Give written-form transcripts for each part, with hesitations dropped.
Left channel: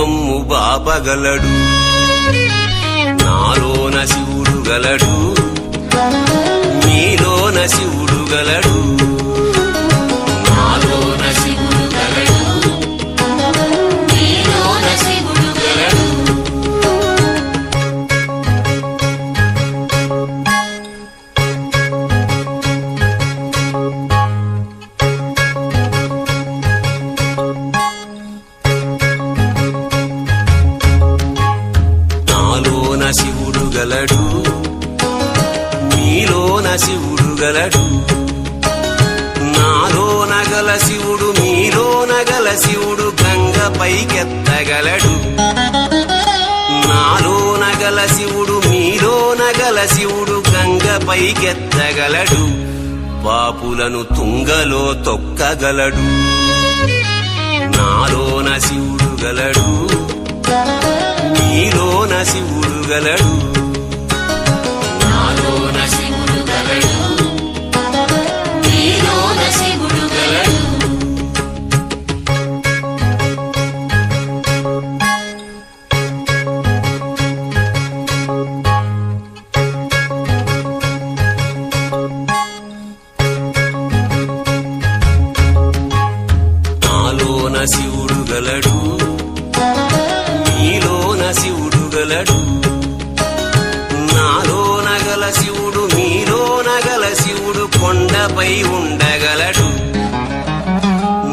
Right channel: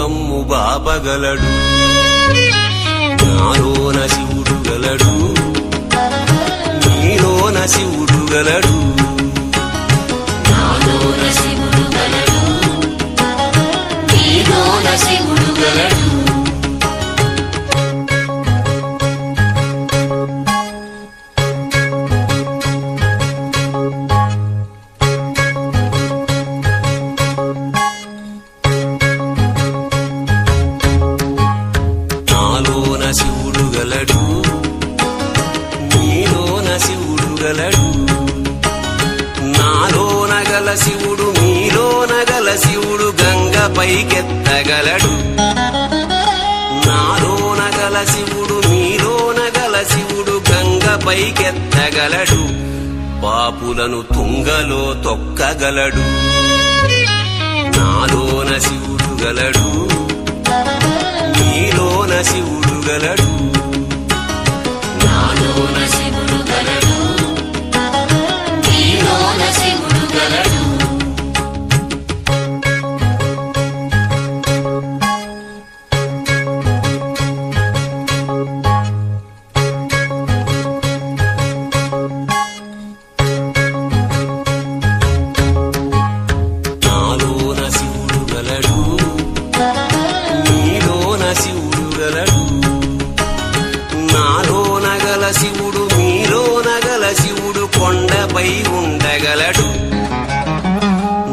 నమ్ము బాపగలడు, నాలోన శివుడు గలడు, నీలోన శివుడు గలడు. నాలోన శివుడు గలడు, నీలోన శివుడు గలడు. నాలోన శివుడు గలడు, నీలోన శివుడు గలడు. నాలోన గల శివుడు నీలోన గల శివుడు గంగపైకెత్తగలడు. నాలోన గల శివుడు నీలోన గల శివుడు గంగపైకెత్తగలడు. పాపులను తుంగలో తొక్కగలడు. నాలోన శివుడు గలడు, నీలోన శివుడు గలడు. నాలోన శివుడు గలడు, నీలోన శివుడు గలడు. నాలోన శివుడు గలడు, నీలోన శివుడు గలడు. నాలోన గల శివుడు నీలోన గల శివుడు కొండపై ఉండగలడు.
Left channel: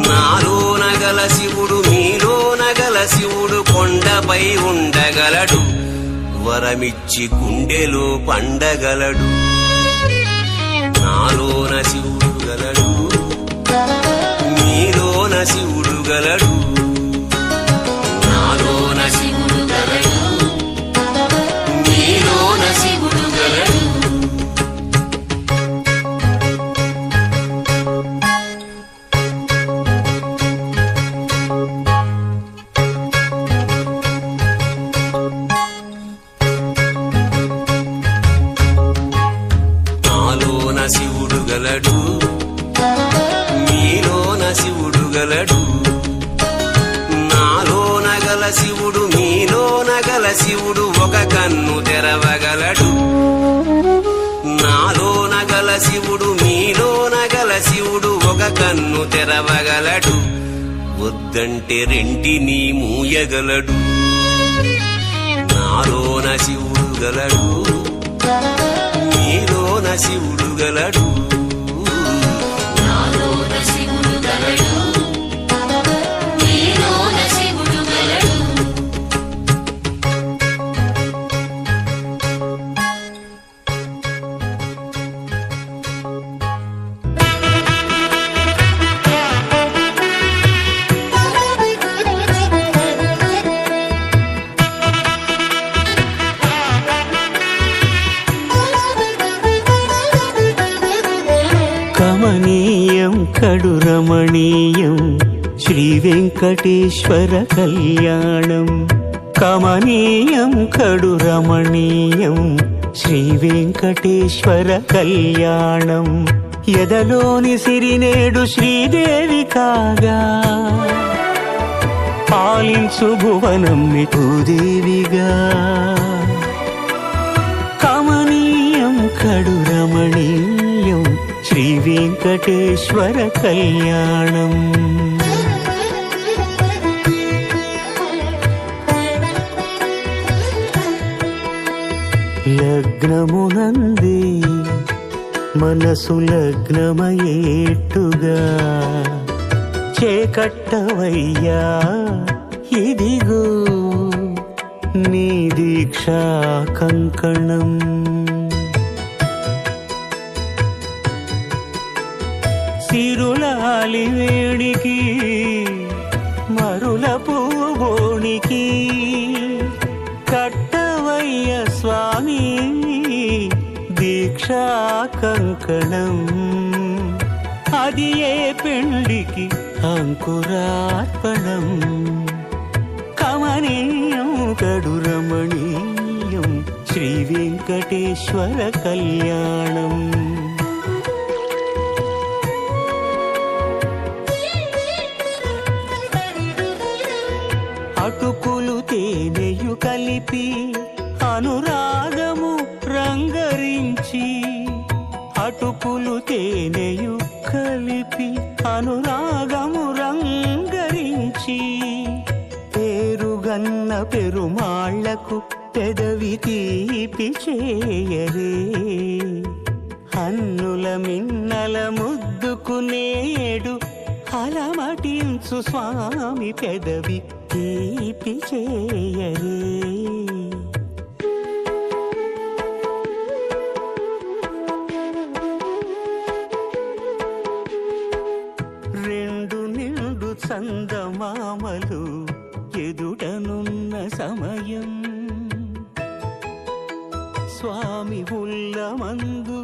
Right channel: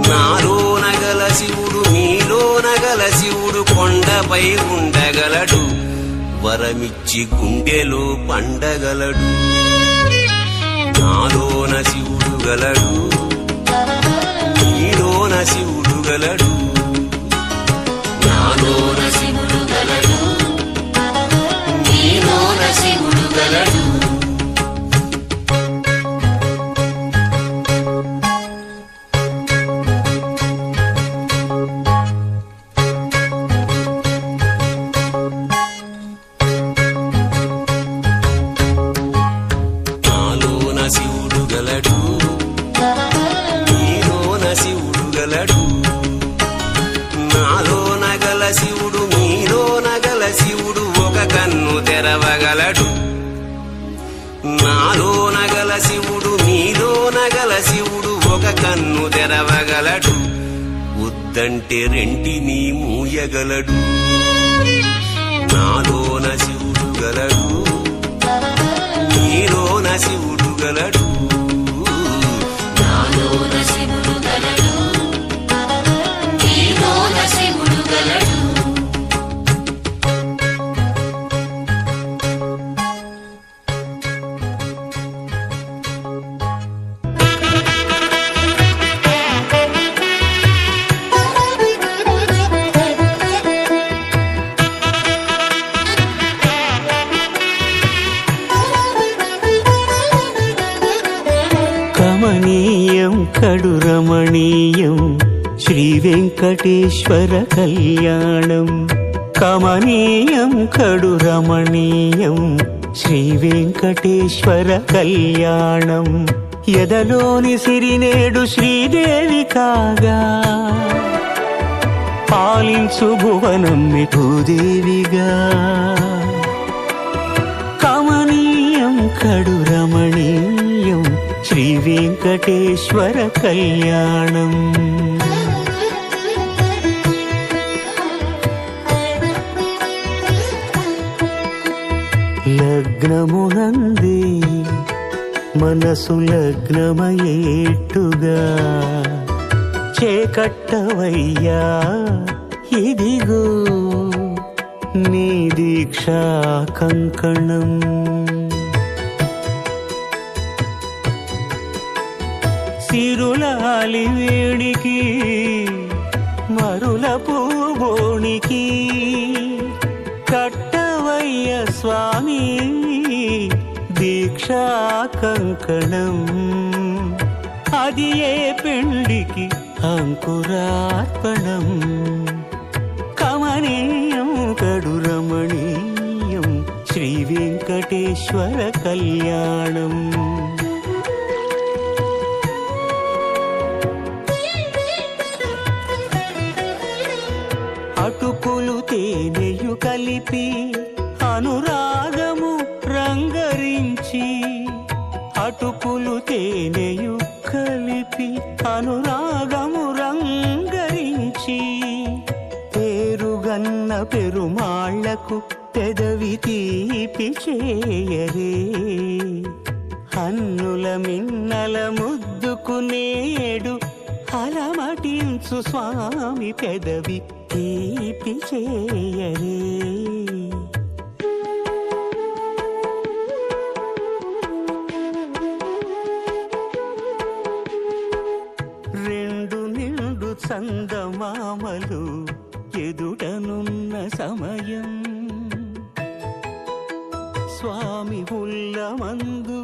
నాలోన గల శివుడు నీలోన గల శివుడు కొండపై ఉండగలడు. వరమిచ్చి గుండెలో పండగలడు. నాలోన శివుడు గలడు, నీలోన శివుడు గలడు. నాలోన శివుడు గలడు, నీలోన శివుడు గలడు. నాలోన శివుడు గలడు, నీలోన శివుడు గలడు. నాలోన గల శివుడు నీలోన గల శివుడు ఒక కన్ను తెరవగలడు. నాలోన గల శివుడు నీలోన గల శివుడు ఒక కన్ను తెరవగలడు. వద్దంటే రెంటిని మూయగలడు. నాలోన శివుడు గలడు, నీలోన శివుడు గలడు. నాలోన శివుడు గలడు, నీలోన శివుడు గలడు. కమనీయం కడురమణీయం శ్రీ వెంకటేశ్వర కళ్యాణం. కమనీయం కడురమణీయం శ్రీ వెంకటేశ్వర కళ్యాణం. ఎదలోని సిరినేడు శ్రీదేవి కాగా, పాలించు భువనం భూదేవిగా. కమనీయం కడురమణీయం శ్రీ వెంకటేశ్వర కళ్యాణం. లగ్నమునందే మనసు లగ్నమయేట్టుగా, చేకట్టవయ్యా ఇదిగో నీ దీక్షా కంకణం. సిరులాలి వేడికి మరుల పూబోనికి, కట్టవయ్య స్వామి దీక్షా కంకణం. అది ఏ పెళ్లికి అంకురార్పణం. కమనీయం కడురమణీయం శ్రీ వెంకటేశ్వర కళ్యాణం. అటుకులు తేనెయు కలిపి అనురాగము రంగరించి, అటుకులు తేనెయు కలిపి అనురాగము రంగరించి, పేరుగన్న పెరుమాళ్లకు పెదవి తీపి చేయరే, హన్నుల మిన్నల ముద్దుకు నేడు అలమటించు స్వామి పెదవి తీపి చేయరే. రెండు నిండు చందమామలు ఎదుటనున్న సమయం, స్వామి ఉల్లమందు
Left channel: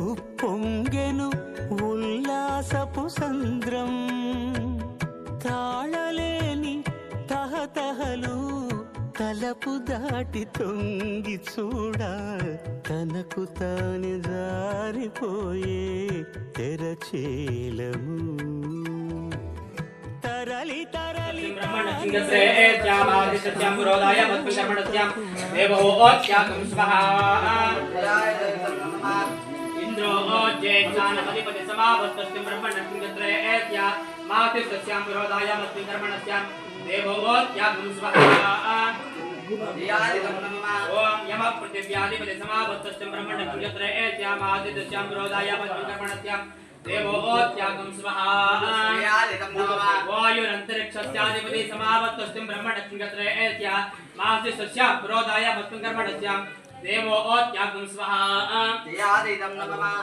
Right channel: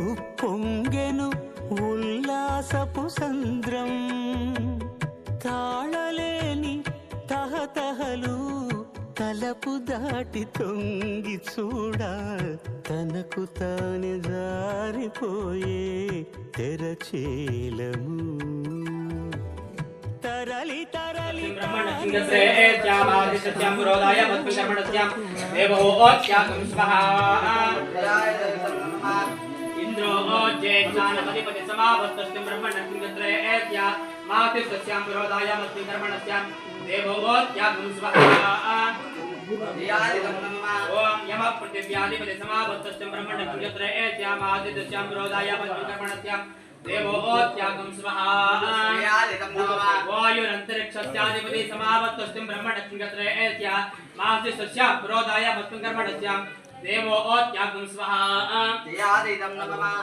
ఉప్పొంగెను ఉల్లాసపు సంద్రం, తాళలేని తహతహలు తలపు దాటి తొంగి చూడ, తనకు తానే జారిపోయే తెరచేలము. తరలి తరలి इंद्रो ज्येष्ठानपतिपति समावस्तस्तिं ब्रह्मणस्मिङ्गत्रयेत्या मातिस्तस्यां विरोधायामस्मिन् कर्मणस्यां देवोत्यागं स्वाहा ओम यमः पृथिव्याधिपति समावस्तस्तिं ब्रह्मणस्मिङ्गत्रयेत्या मातिस्तस्यां विरोधायामस्मिन् कर्मणस्यां देवोत्यागं स्वाहा वायुरन्तरिक्षस्याधिपति समावस्तस्तिं ब्रह्मणस्मिङ्गत्रयेत्या मातिस्तस्यां विरोधायामस्मिन् कर्मणस्यां देवोत्यागं स्वाहा यादिदं नमः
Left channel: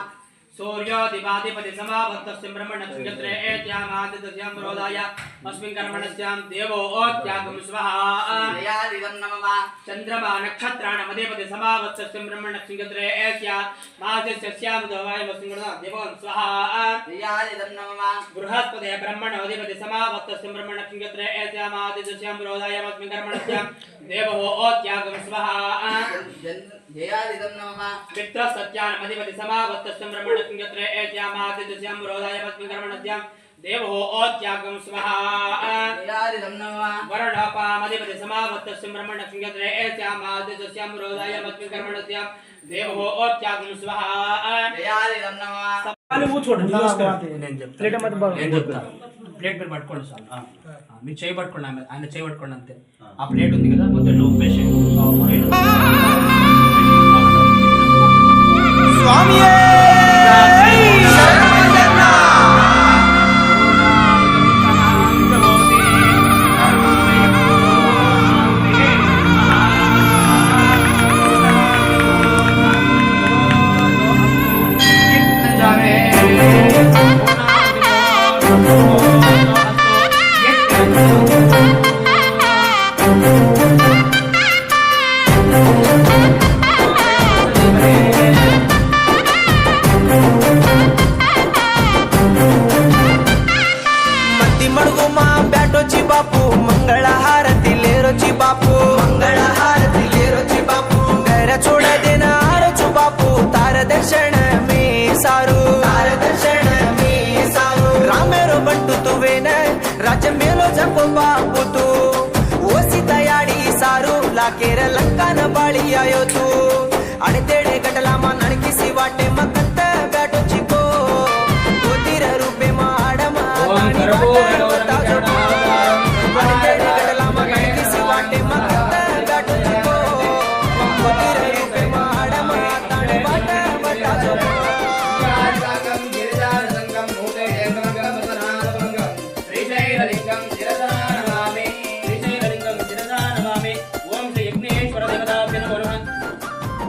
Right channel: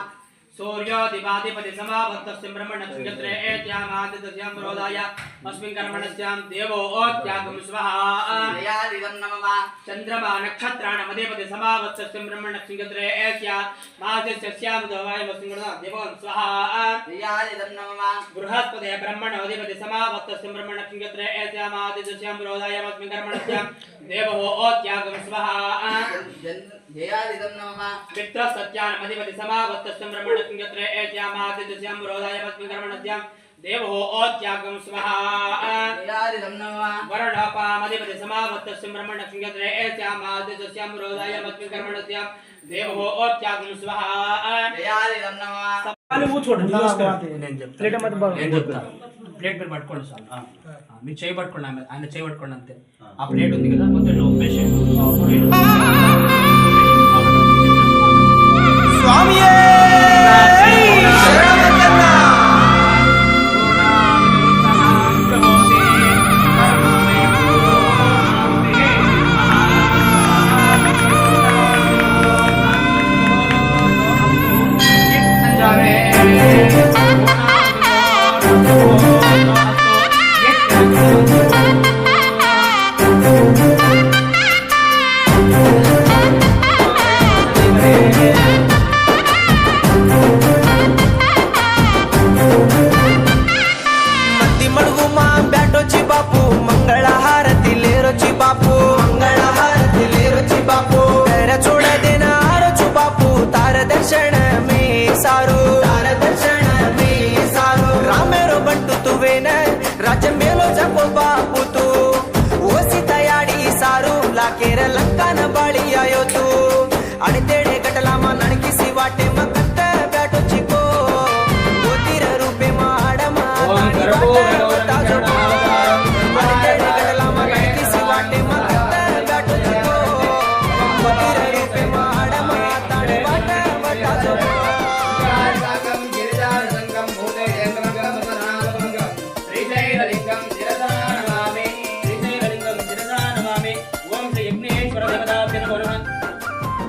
सूर्योदिपाधिपति समावस्तस्यं ब्रह्मणस्मिङ्गत्रयेत्यामादितस्यां विरोधाय अस्मिन् कर्मणस्यां देवोत्यागं स्वाहा यादिदं नमः चन्द्रमा नक्षत्राणामधिपति समावस्तस्यं ब्रह्मणस्मिङ्गत्रयेत्यामादितस्यां विरोधाय अस्मिन् कर्मणस्यां देवोत्यागं स्वाहा यादिदं नमः बृहस्पते ब्रह्मणोधिपति समावस्तस्यं ब्रह्मणस्मिङ्गत्रयेत्यामादितस्यां विरोधाय अस्मिन् कर्मणस्यां देवोत्यागं स्वाहा जयादिदं नमः पितृसत्यानमधिपति समावस्तस्यं ब्रह्मणस्मिङ्गत्रयेत्यामादितस्यां विरोधाय अस्मिन् कर्मणस्यां देवोत्यागं स्वाहा जयादिदं नमः वरुणोपामधिपति समावस्तस्यं ब्रह्मणस्मिङ्गत्रयेत्यामादितस्यां विरोधाय अस्मिन् कर्मणस्यां देवोत्यागं स्वाहा जयादिदं नमः ప్లేట్ మీద పట్టుకోండి సార్, మీరు చేయి పట్టుకోండి, ఆయన చేయి పట్టుకోండి అంతే. ఆ ప్లేట్ ఉంది కదా మొత్తం ఒప్పేసేయండి. స్వామియే బ్యాటొచ్చి బాపు మంగళ హారతి లేరొచ్చి బాపు మంగళ హారతి లేరొచ్చి బాపు తెర చూడదిన ఆరొచ్చు బాపు తార దర్శన మే సారు తార దర్శన మే సారు రామేరో బంటు తువేన రాజ్య మేలో జపో బాపు తు ಓಸಿ ತಯಾಡಿ ಸಾರು ಲಾಕೇರ ಲಂಕಾನ ಬಾಳಿ ಆಯೋತು ಅಡೆತೇಡೆ ಗಟಲಾಮ ನಣಕಿಸಿ ವಾಟೆ ಮಕ್ಕತ್ತ ಬ್ಯಾಟೊಚ್ಚಿಕೋ ಗೋತಿರ ರೂಪೆ ಮಾಡಮ ಅಡೆತೇಡೆ ಗಟಲಾಮ ನಣಕಿಸಿ ವಾಟೆ ಮಕ್ಕತ್ತ ಬ್ಯಾಟೊಚ್ಚಿಕೋ ಗೋತಿರ ರೂಪೆ ಮಾಡಮ ತಾಣೆ ಬಾಟ ಬಟಾಜೋ ಶ್ರೀಶೈಲಲಿಂಗಂ ಶಿರಸಾನಮಾಮಿ ओम श्री यज्ञेश्वर देवताभ्य नमो नमः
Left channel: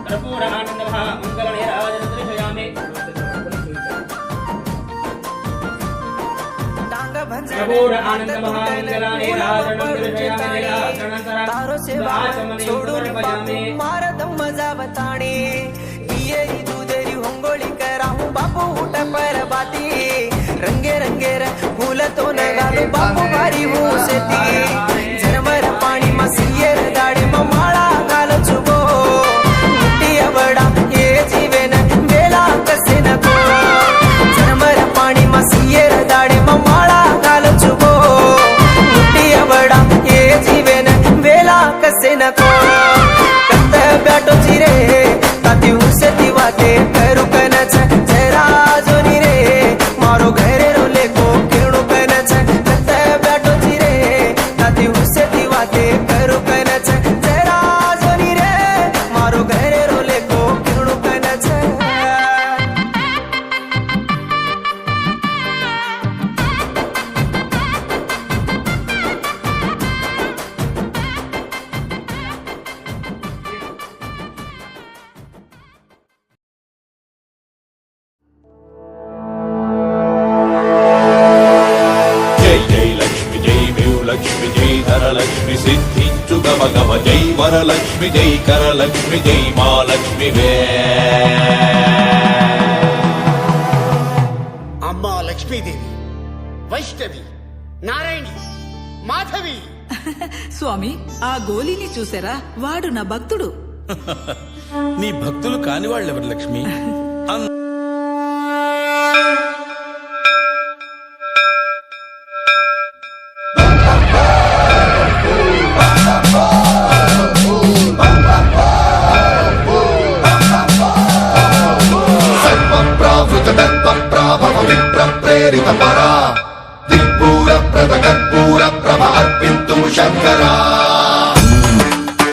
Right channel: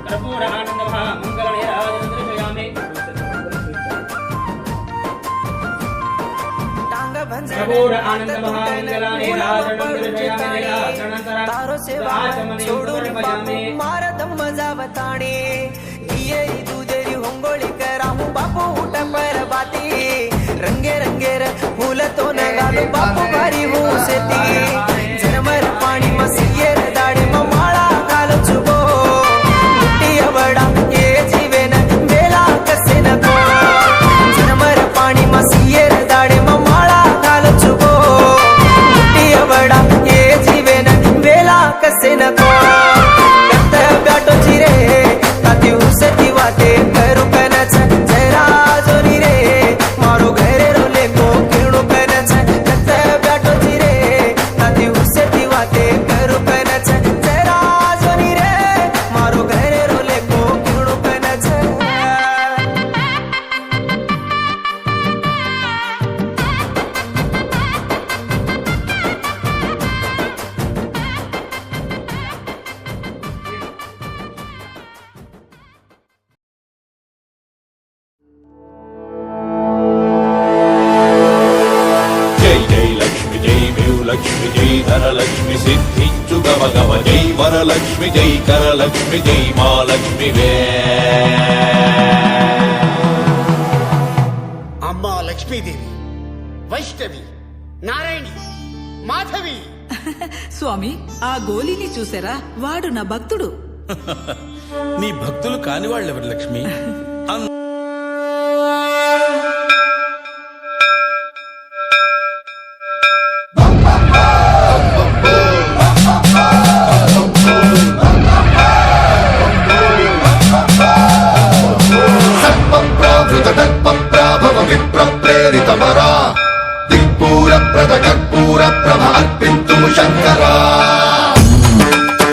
कर्पूर आनंदमः मंगल निराजनं दर्शयामि कर्पूर आनंदमः मंगल निराजनं दर्शयामि तारो सेवा छोडून बापू मारदम मजावताणे हियरी दूधरी होंगोळी कराहू बापू ऊट पर बाती रंगे रंगेर फूल तो नगालो बापू भारी हुसेती झरमर पाणी मा सियर दाडे मा माळा घालो चुगो मुट्टी अवडा ये जीवेन बेला कसे नको झरमर पाणी मा सियर दाडे मा माळा घालो चुगो मुट्टी अवडा ये जीवेन कसे नको कत ब्याटो चिरे ताती हुसे दिवाते करू कनच जरा जोनी रे मारो घरे रोले को किरणो कनच कत ब्याटो चिरे ताती हुसे दिवाते करू कनच जरा जोनी रे मारो घरे रोले को किरणो कनच జై జై లక్ష్మి జై లక్ష్మి జై ధనలక్ష్మి సిద్ధించు గమ గమ జై వరలక్ష్మి జై కరలక్ష్మి జై మా లక్ష్మి వే అమ్మా లక్ష్మీదేవి వైష్ణవి నారాయణి మాధవి స్వామి ఆ గోలీని చూసారా వాడు నా భక్తుడు నీ భక్తులు కాని వాళ్ళెవరు లక్ష్మి దిక్పూర ప్రద కర్పూర ప్రభ అర్పింతుము శంకరా